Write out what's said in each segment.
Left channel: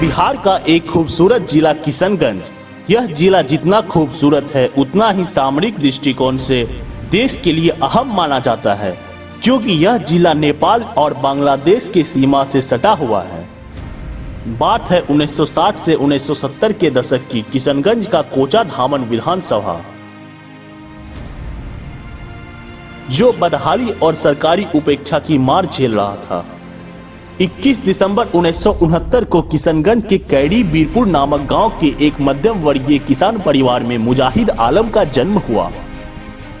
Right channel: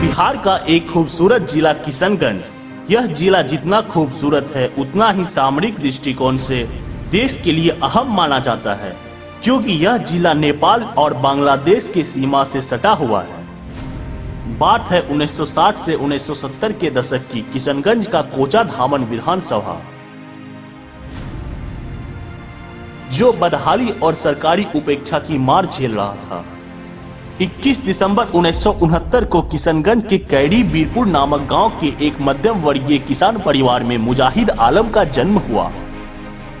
बिहार का एक खूबसूरत जिला किशनगंज। यह जिला जितना खूबसूरत है उतना ही सामरिक दृष्टिकोण से देश के लिए अहम माना जाता है, क्योंकि यह जिला नेपाल और बांग्लादेश की सीमा से सटा हुआ है। बात है 1960 से 1970 के दशक की किशनगंज का कोचाधामन विधानसभा, जो बदहाली और सरकारी उपेक्षा की मार झेल रहा था। 21 दिसंबर 1969 को किशनगंज के कैरी बीरपुर नामक गांव के एक मध्यम वर्गीय किसान परिवार में मुजाहिद आलम का जन्म हुआ।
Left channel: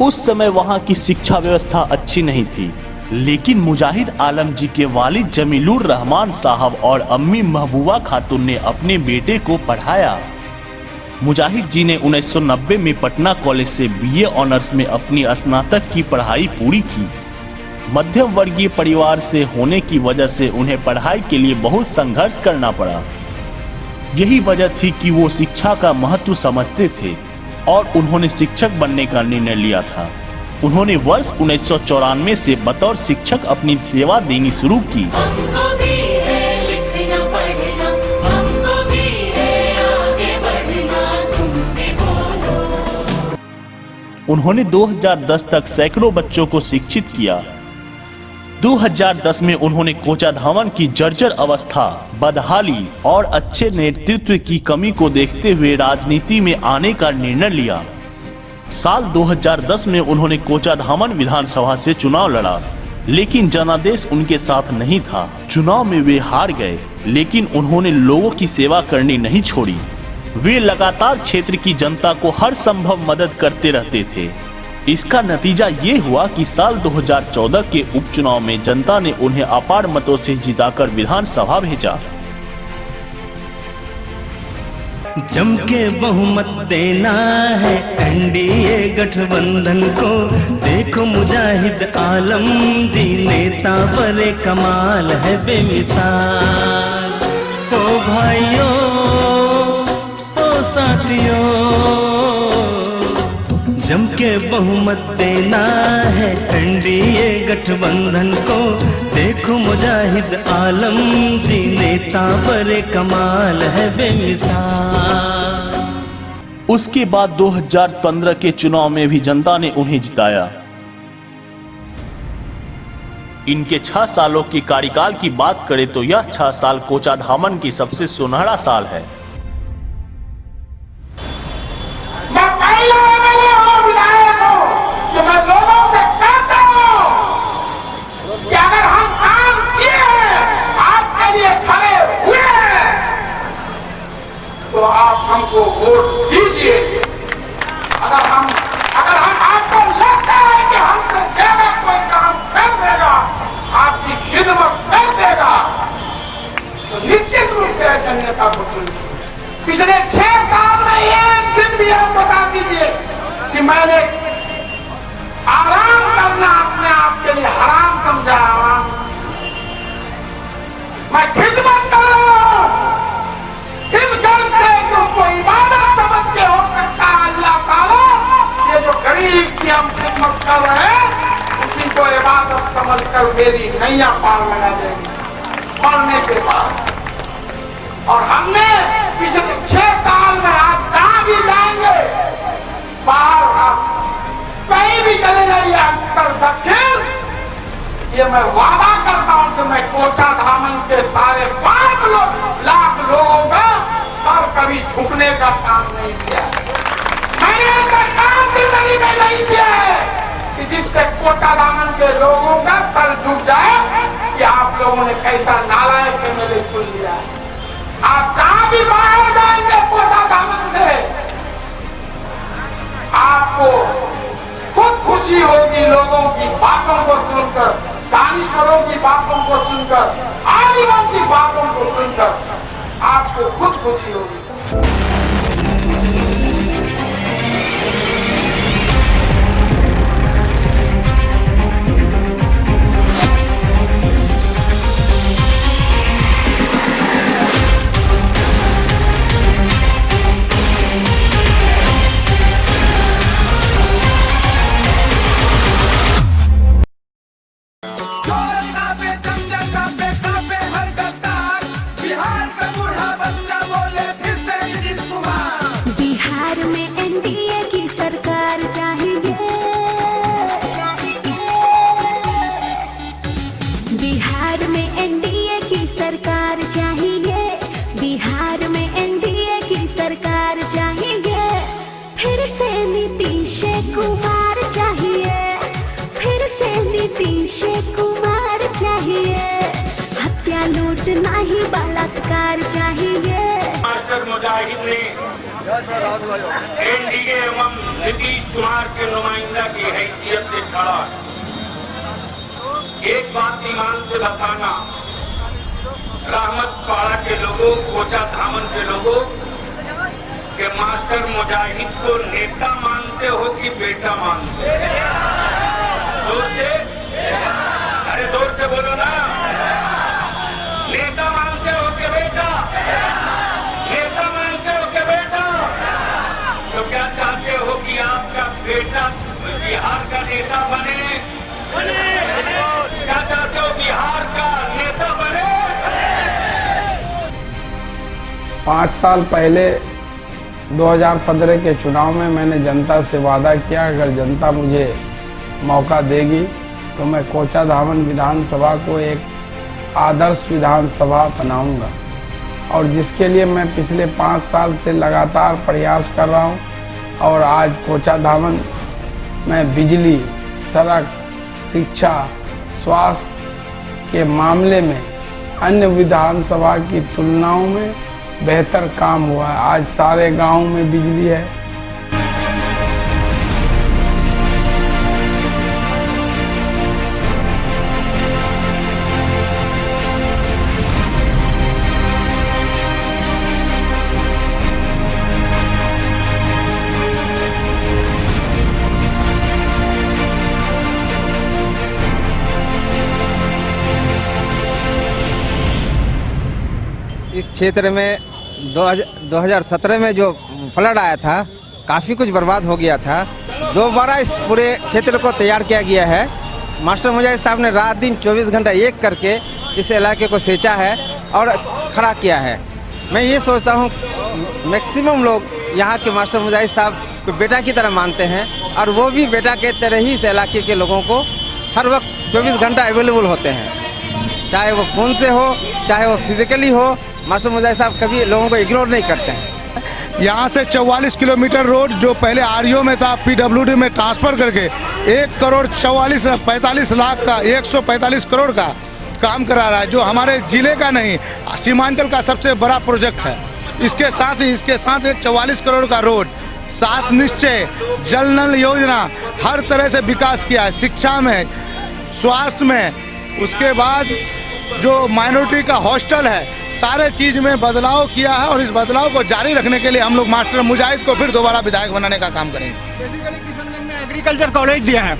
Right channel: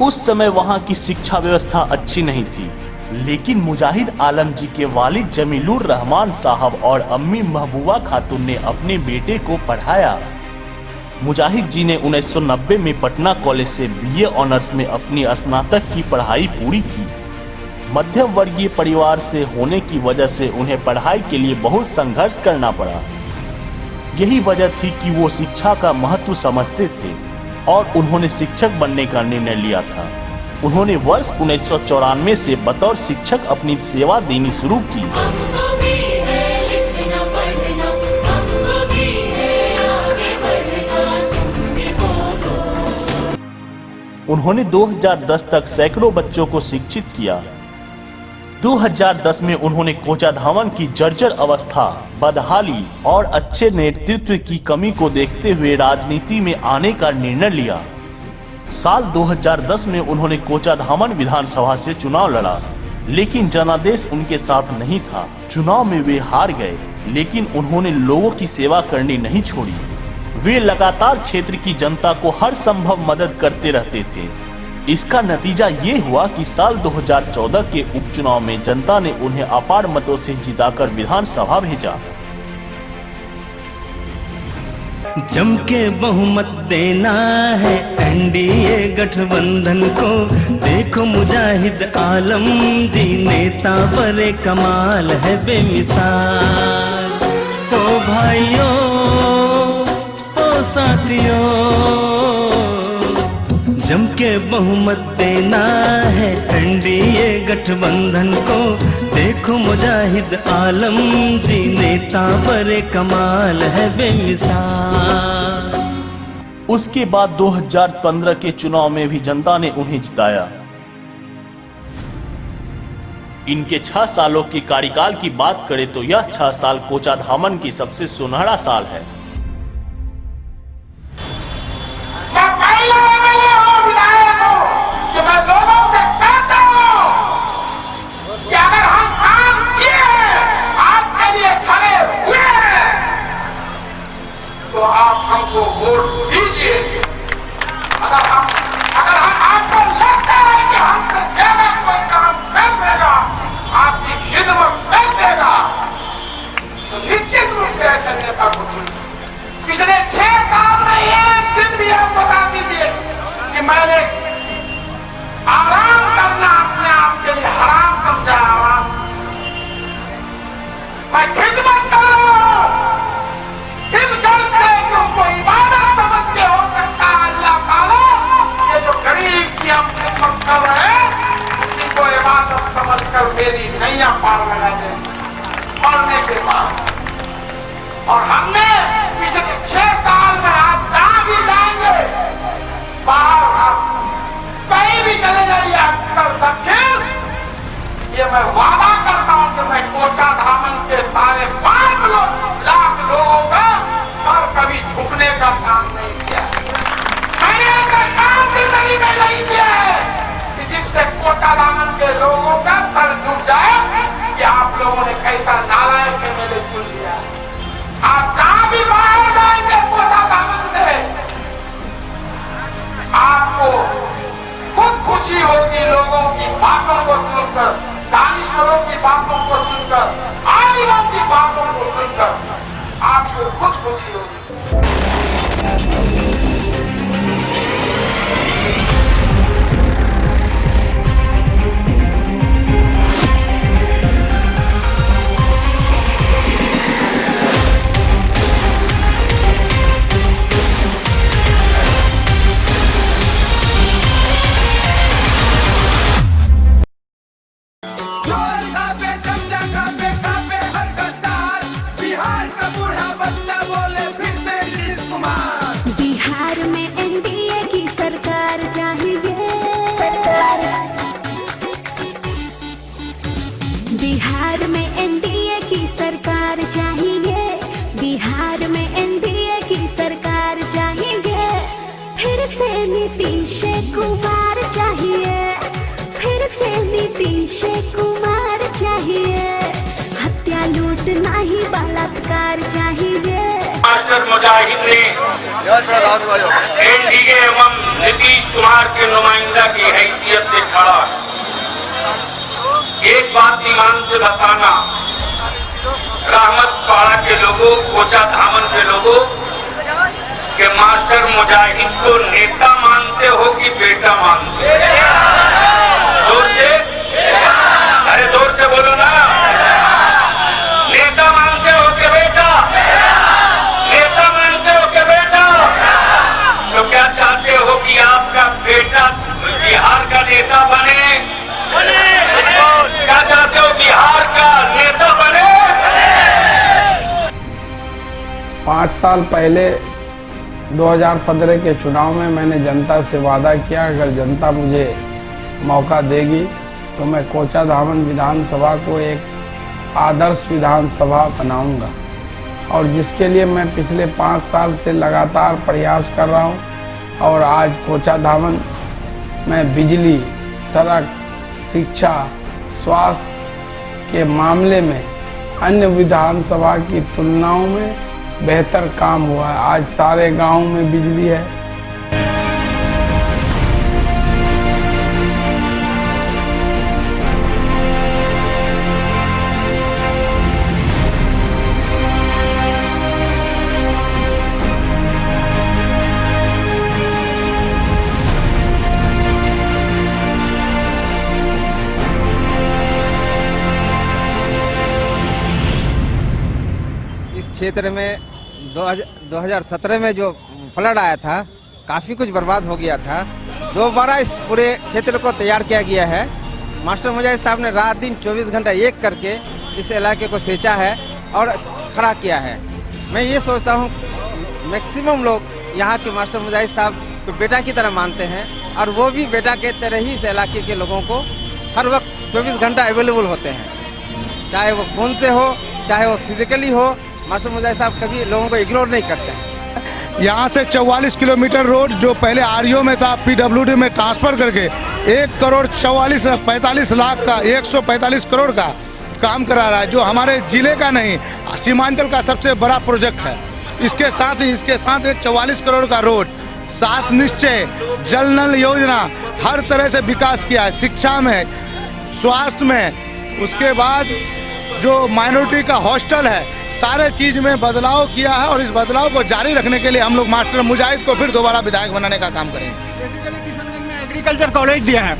उस समय वहां की शिक्षा व्यवस्था अच्छी नहीं थी, लेकिन मुजाहिद आलम जी के वालिद जमीलुर रहमान साहब और अम्मी महबूबा खातून ने अपने बेटे को पढ़ाया। मुजाहिद जी ने 1990 में पटना कॉलेज से बीए ऑनर्स में अपनी स्नातक की पढ़ाई पूरी की। मध्यम वर्गीय परिवार से होने की वजह से उन्हें पढ़ाई के लिए बहुत संघर्ष करना पड़ा। यही वजह थी कि वो शिक्षा का महत्व समझते थे और उन्होंने शिक्षक बनने का निर्णय लिया था। उन्होंने वर्ष 1994 से बतौर शिक्षक अपनी सेवा देनी शुरू की। उन्होंने 2010 तक सैकड़ों बच्चों को शिक्षित किया। 2010 में उन्होंने कोचाधामन की जर्जर अवस्था, बदहाली और अच्छे नेतृत्व की कमी को देखते हुए राजनीति में आने का निर्णय लिया। साल 2010 में उन्होंने कोचाधामन विधानसभा से चुनाव लड़ा, लेकिन जनादेश उनके साथ नहीं था। चुनाव में वे हार गए, लेकिन उन्होंने लोगों की सेवा करनी नहीं छोड़ी। वे लगातार क्षेत्र की जनता को हर संभव मदद करते रहते थे। इसका नतीजा ये हुआ कि साल 2014 के उपचुनाव में जनता ने उन्हें अपार मतों से जिताकर विधानसभा भेजा। जम के बहुमत देना है एनडीए गठबंधन को, देखो मुजाहिद आलम जी नेता बड़े कमाल है बेमिसाल। ओ भाइयों ओ साथियों, जम के बहुमत देना है एनडीए गठबंधन को, देखो मुजाहिद आलम जी नेता बड़े कमाल है बेमिसाल। उसके बाद 2015 के चुनाव में भी जनता ने उन्हें जिताया। इनके 6 सालों के कार्यकाल की बात करें तो यह 6 साल कोचाधामन की सबसे सुनहरा साल है। तो आप हमको वोट दीजिए। अगर आपको लगता है कि हमसे ज्यादा कोई काम कर देगा, आपकी खिदमत कर देगा, तो निश्चित रूप से ऐसे नेता को चुनिए। पिछले 6 साल में एक दिन भी आप बता दीजिए कि मैंने आराम करना अपने आप के लिए हराम समझा। मैं खिदमत कर रहा हूं इस घर से कि उसको इबादत समझ के हो सकता है। अल्लाह ताला ये जो गरीब की हम खिदमत कर रहे हैं, उसी को इबादत समझ कर मेरी नैया पार लगा देगी मरने के बाद। और हमने पिछले 6 साल में आप जहां भी जाएंगे, बाहर आप कहीं भी चले जाइए, उत्तर दक्षिण, ये मैं वादा करता हूं कि मैं कोचाधामन के सारे 5 लाख लोगों का सर कभी झुकने का काम नहीं किया। मैंने ऐसा काम जिंदगी में नहीं किया है कि जिससे कोचाधामन के लोगों का सर झुक जाए कि आप लोगों ने कैसा नालायक के मेरे चुन लिया। आप जहां भी बाहर जाएंगे कोचाधामन से, आपको खुद खुशी होगी लोगों की बातों को सुनकर, दानिश्वरों की बातों को सुनकर, आलिमों की बातों को सुनकर आपको खुद खुशी होगी। कापे हर गद्दार, बिहार का बूढ़ा में एनडीए की सरकार चाहिए, बिहार में एनडीए की सरकार चाहिए, फिर से नीतीश कुमार चाहिए, फिर से नीतीश कुमार चाहिए, हत्या लूट नहीं बलात्कार चाहिए। मास्टर मुजाहिद ने एनडीए एवं नीतीश कुमार के नुमाइंदा की हैसियत से खड़ा एक बात ईमान से बताना, रहमत पाड़ा के लोगों, कोचा धामन के लोगों के मास्टर मुजाहिद को नेता मानते हो कि बेटा मानते हो? जोर से, अरे जोर से बोलो ना। नेता मानते हो कि बेटा? नेता मानते हो कि बेटा? तो क्या चाहते हो कि आपका बेटा बिहार का नेता बने? क्या चाहते हो बिहार का नेता बने? 5 साल पहले 2015 के चुनाव में मैंने जनता से वादा किया, अगर जनता मुझे मौका देगी तो मैं कोचा धामन विधानसभा को एक आदर्श विधानसभा बनाऊंगा, और जिसके लिए मैं पिछले 5 साल से लगातार प्रयास कर रहा हूं। और आज कोचा धामन में बिजली, सड़क, शिक्षा, स्वास्थ्य के मामले में अन्य विधानसभा की तुलनाओं में बेहतर काम हुआ है। आज सारे गांव में बिजली है। इस क्षेत्र में 2017 में जो फ्लड आया था, काफ़ी कुछ बर्बाद हो गया था। दोबारा इस पूरे क्षेत्र को तैयार किया गया है। मास्टर मुजाहिद साहब ने रात दिन 24 घंटा एक करके इस इलाके को सींचा है और खड़ा किया है। मैं ये सोचता हूँ मैक्सिमम लोग यहाँ के मास्टर मुजाहिद साहब को बेटा की तरह मानते हैं, और वो भी बेटा के तरह ही इस इलाके के लोगों को हर वक्त 24 घंटा अवेलेबल होते हैं, चाहे वो फ़ोन से हो, चाहे वो फिजिकली हो। मास्टर मुजाहिद साहब कभी लोगों को इग्नोर नहीं करते हैं। यहाँ से 44 किलोमीटर रोड जो पहले आरईओ में था, पीडब्ल्यूडी में ट्रांसफर करके 1,45 लाख का 145 करोड़ का काम करा रहा है, जो हमारे जिले का नहीं सीमांचल का सबसे बड़ा प्रोजेक्ट है। इसके साथ ही 44 करोड़ का रोड, 7 निश्चय, जल नल योजना, हर तरह से विकास किया है, शिक्षा में, स्वास्थ्य में। उसके बाद जो माइनॉरिटी का हॉस्टल है, सारे चीज में बदलाव किया है, और इस बदलाव को जारी रखने के लिए हम लोग मास्टर मुजाहिद को फिर दोबारा विधायक बनाने का काम करेंगे। बेसिकली किशनगंज में एग्रीकल्चर कॉलेज दिया है।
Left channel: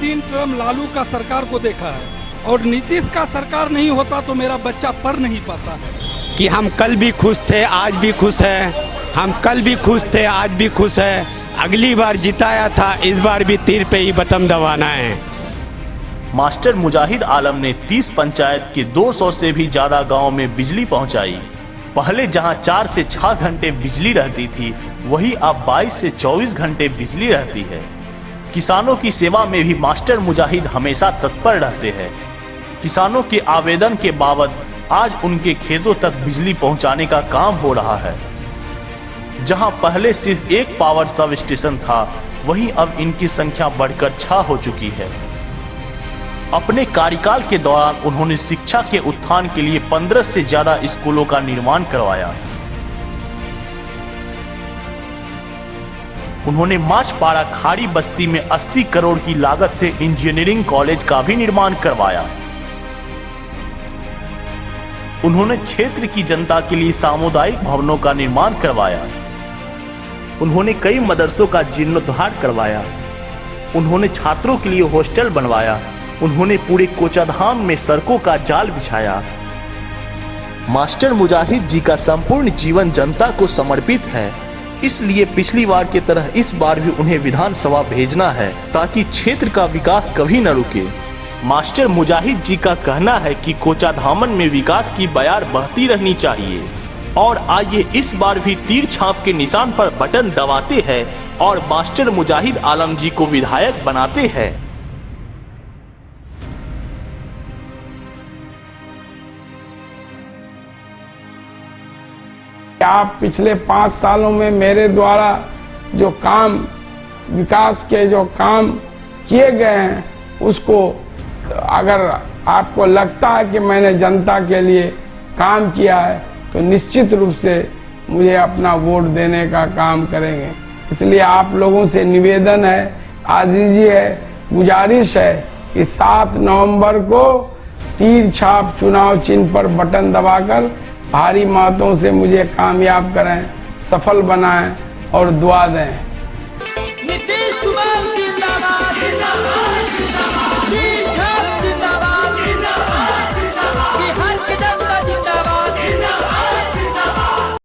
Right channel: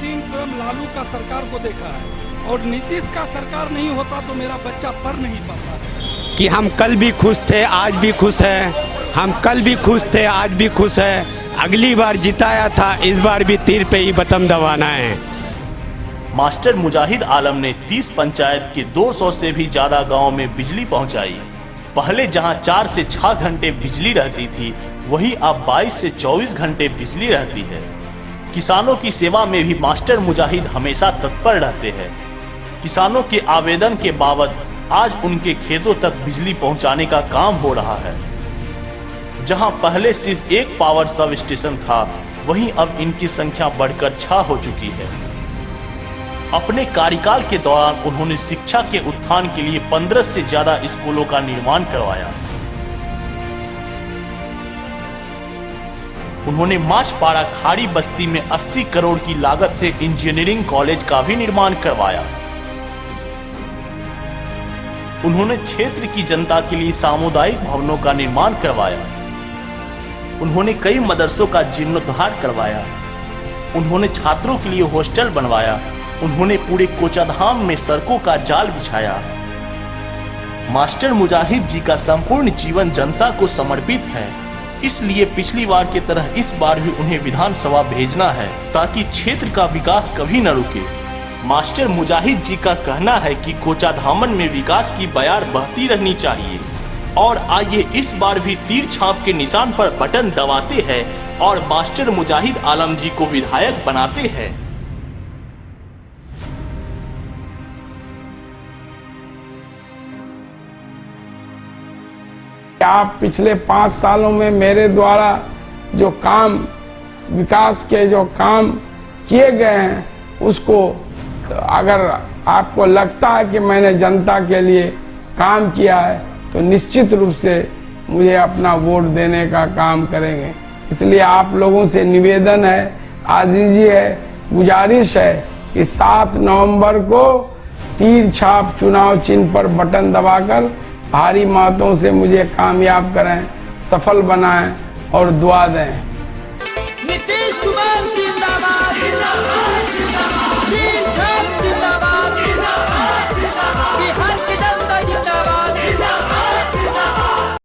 3 टर्म लालू का सरकार को देखा है, और नीतीश का सरकार नहीं होता तो मेरा बच्चा पढ़ नहीं पाता है। कि हम कल भी खुश थे, आज भी खुश हैं। हम कल भी खुश थे, आज भी खुश है। अगली बार जिताया था, इस बार भी तीर पे ही बटन दबाना है। मास्टर मुजाहिद आलम ने 30 पंचायत के 200 से भी ज्यादा गांव में बिजली पहुंचाई। पहले जहां 4 से 6 घंटे बिजली रहती थी, वहीं अब 22 से 24 घंटे बिजली रहती है। किसानों की सेवा में भी मास्टर मुजाहिद हमेशा तत्पर रहते हैं। किसानों के आवेदन के बाद आज उनके खेतों तक बिजली पहुंचाने का काम हो रहा है। जहां पहले सिर्फ एक पावर सब स्टेशन था, वहीं अब इनकी संख्या बढ़कर 6 हो चुकी है। अपने कार्यकाल के दौरान उन्होंने शिक्षा के उत्थान के लिए 15 से ज्यादा स्कूलों का निर्माण करवाया। उन्होंने माछपाड़ा खाड़ी बस्ती में 80 करोड़ की लागत से इंजीनियरिंग कॉलेज का भी निर्माण करवाया। उन्होंने क्षेत्र की जनता के लिए सामुदायिक भवनों का निर्माण करवाया। उन्होंने कई मदरसों का जीर्णोद्धार करवाया। उन्होंने छात्रों के लिए हॉस्टल बनवाया। उन्होंने पूरे कोचाधाम में सड़कों का जाल बिछाया। मास्टर मुजाहिद जी का संपूर्ण जीवन जनता को समर्पित है, इसलिए पिछली बार की तरह इस बार भी उन्हें विधानसभा भेजना है, ताकि क्षेत्र का विकास कभी न रुके। मास्टर मुजाहिद जी का कहना है कि कोचाधामन में विकास की बयार बहती रहनी चाहिए, और आइए इस बार भी तीर छाप के निशान पर बटन दबाते हैं और मास्टर मुजाहिद आलम जी को विधायक बनाते हैं। आप पिछले 5 सालों में मेरे द्वारा जो काम, विकास के जो काम किए गए हैं, उसको अगर आपको लगता है कि मैंने जनता के लिए काम किया है तो निश्चित रूप से मुझे अपना वोट देने का काम करेंगे। इसलिए आप लोगों से निवेदन है, आजीजी है, गुजारिश है कि 7 नवंबर को तीर छाप चुनाव चिन्ह पर बटन दबाकर भारी मतों से मुझे कामयाब करें, सफल बनाएं और दुआ दें।